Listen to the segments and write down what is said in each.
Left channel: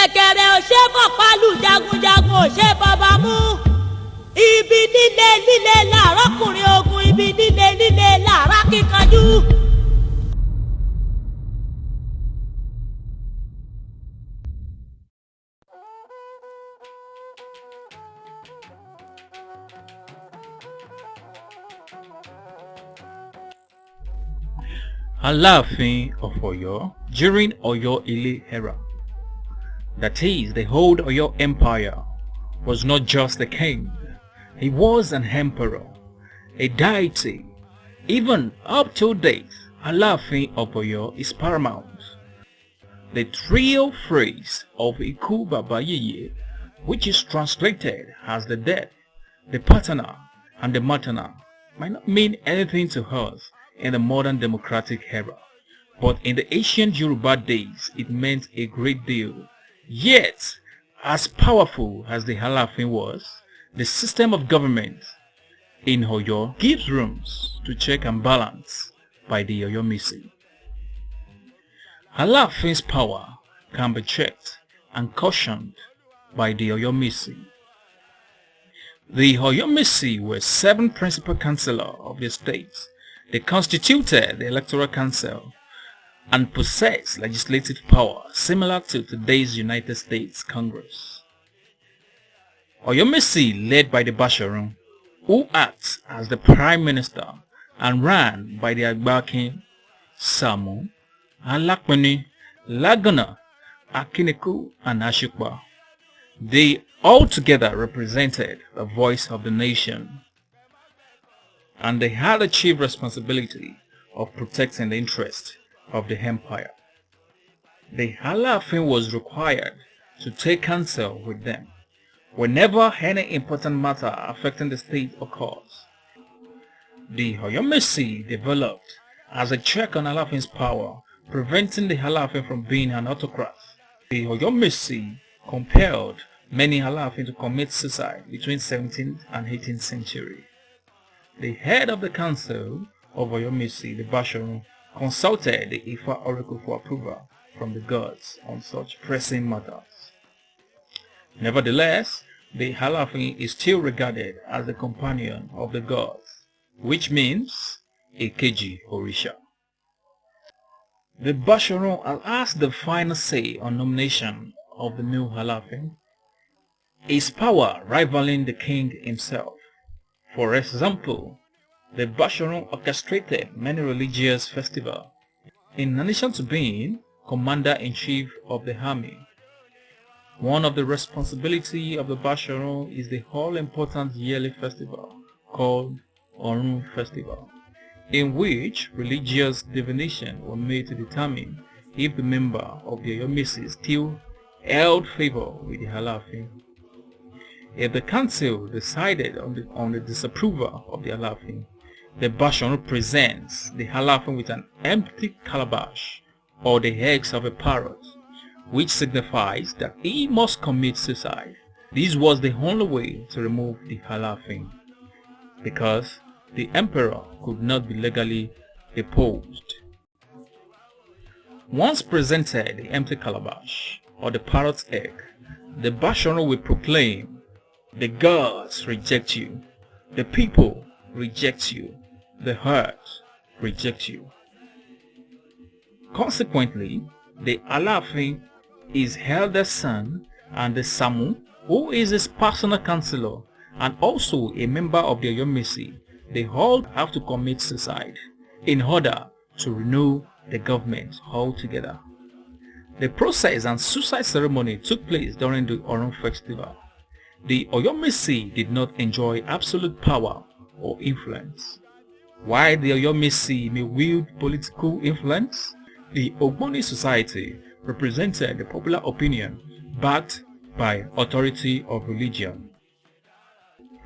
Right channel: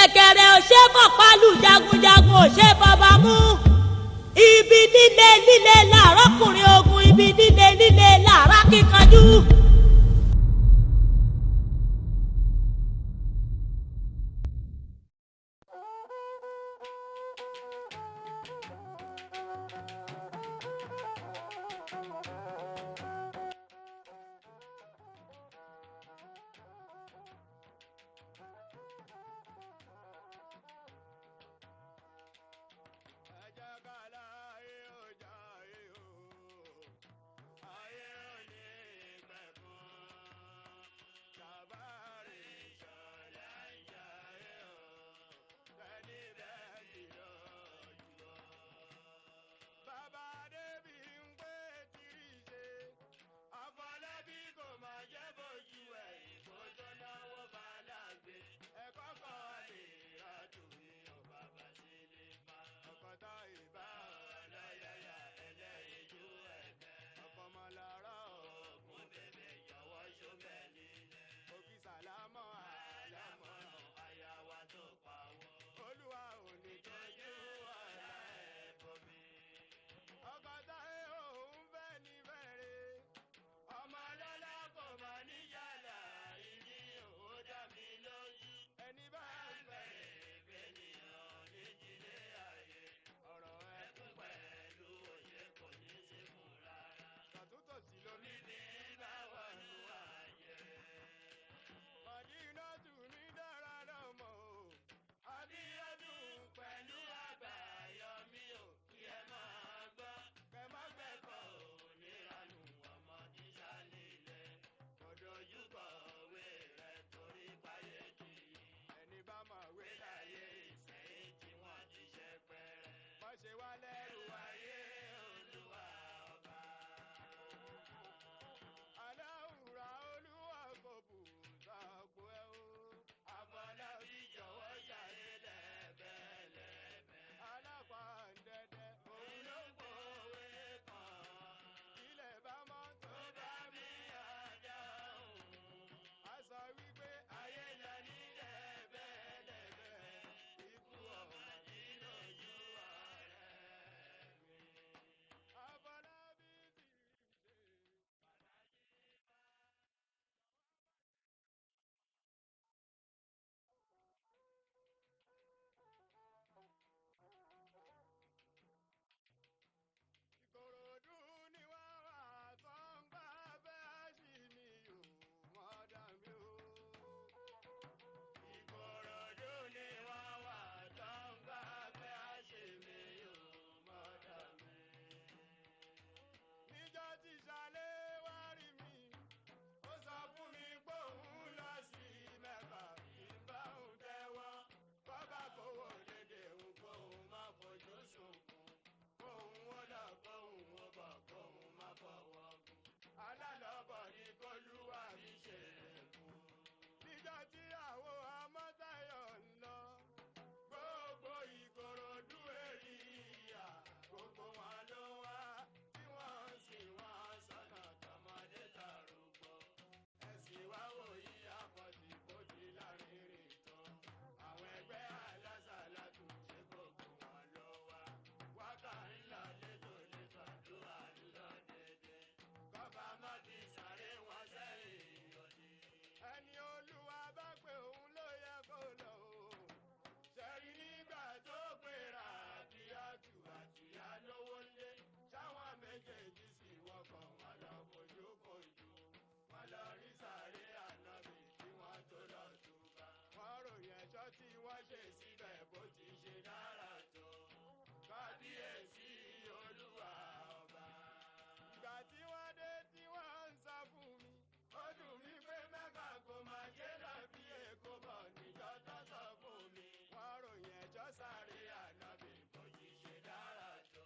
ṣẹ̀kẹ̀rẹ̀ ò ṣe fọ̀pálù jagunjagun ò ṣe bàbá mú. Ibi líle líle làárọ̀kùnrin ogun, ibi líle líle làárá kíkanjú. Aláàfin of Oyo during Oyo Ile era, that is, the whole Oyo Empire, was not just a king, he was an emperor, a deity. Even up to date, Aláàfin of Oyo is paramount. The trio phrase of Iku Baba Yeye, which is translated as the dead, the paternal, and the maternal, might not mean anything to us in the modern democratic era, but in the ancient Yoruba days it meant a great deal. Yet, as powerful as the Aláàfin was, the system of government in Oyo gives rooms to check and balance by the Oyo mesi. Aláàfin's power can be checked and cautioned by the Oyo mesi. The Oyo mesi were 7 principal councillors of the state. They constituted the Electoral Council and possessed legislative power similar to today's United States Congress. Oyo mesi, led by the Basharun, who acts as the Prime Minister, and ran by the Agbakin, Samu, Alakpeni, Lagana, Akineku, and Ashukba. They altogether represented the voice of the nation, and they had the chief responsibility of protecting the interest of the empire. The Aláàfin was required to take counsel with them whenever any important matter affecting the state occurs. The Oyo mesi developed as a check on Aláàfin's power, preventing the Aláàfin from being an autocrat. The Oyo mesi compelled many Aláàfin to commit suicide between 17th and 18th century. The head of the council of Oyo mesi, the Basharun, consulted the Ifa oracle for approval from the gods on such pressing matters. Nevertheless, the Aláàfin is still regarded as the companion of the gods, which means Èkejì Òrìṣà. The Basharun has the final say on nomination of the new Aláàfin, his power rivaling the king himself. For example, the Basharun orchestrated many religious festivals, in addition to being commander-in-chief of the army. One of the responsibilities of the Basharun is the all-important yearly festival called Orun Festival, in which religious divinations were made to determine if the member of the Oyo mesi still held favor with the Aláàfin. If the council decided on the disapproval of the Aláàfin, the Basharun presents the Aláàfin with an empty calabash or the eggs of a parrot, which signifies that he must commit suicide. This was the only way to remove the Aláàfin, because the emperor could not be legally deposed. Once presented the empty calabash or the parrot's egg, the Basharun will proclaim, "The gods reject you, the people reject you, the earth rejects you." Consequently, the Aláàfin, his eldest son, and the Samu, who is his personal counselor and also a member of the Oyo mesi, they all have to commit suicide in order to renew the government altogether. The process and suicide ceremony took place during the Orun festival. The Oyo mesi did not enjoy absolute power or influence. While the Oyo mesi may wield political influence, the Ogboni society represented the popular opinion backed by authority of religion.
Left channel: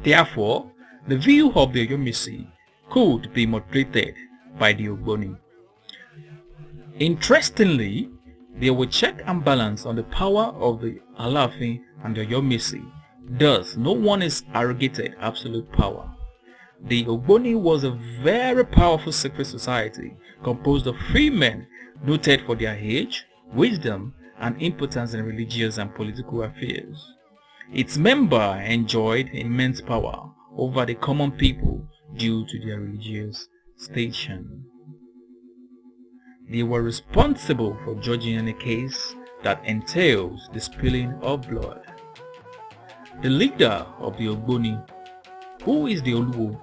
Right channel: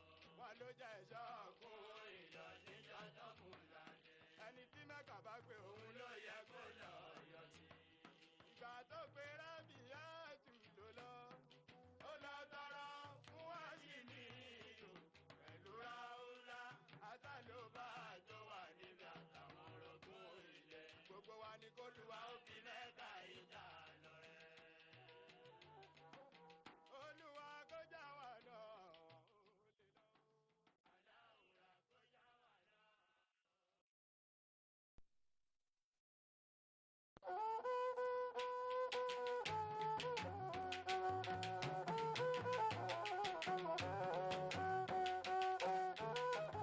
Therefore, the view of the Oyo mesi could be moderated by the Ogboni. Interestingly, there were check and balance on the power of the Aláàfin and the Oyo mesi. Thus, no one is arrogated absolute power. The Ogboni was a very powerful secret society composed of free men noted for their age, wisdom, and importance in religious and political affairs. Its members enjoyed immense power over the common people due to their religious station. They were responsible for judging any case that entails the spilling of blood. The leader of the Ogboni, who is the Oluwo,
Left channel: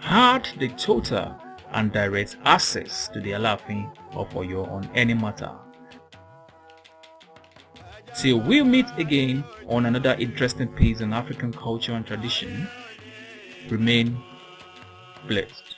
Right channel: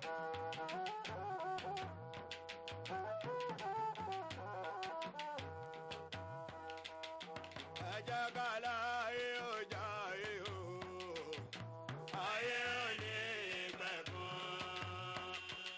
had the total and direct access to the Alaafin of Oyo on any matter. Till we meet again on another interesting piece in African culture and tradition, remain blessed.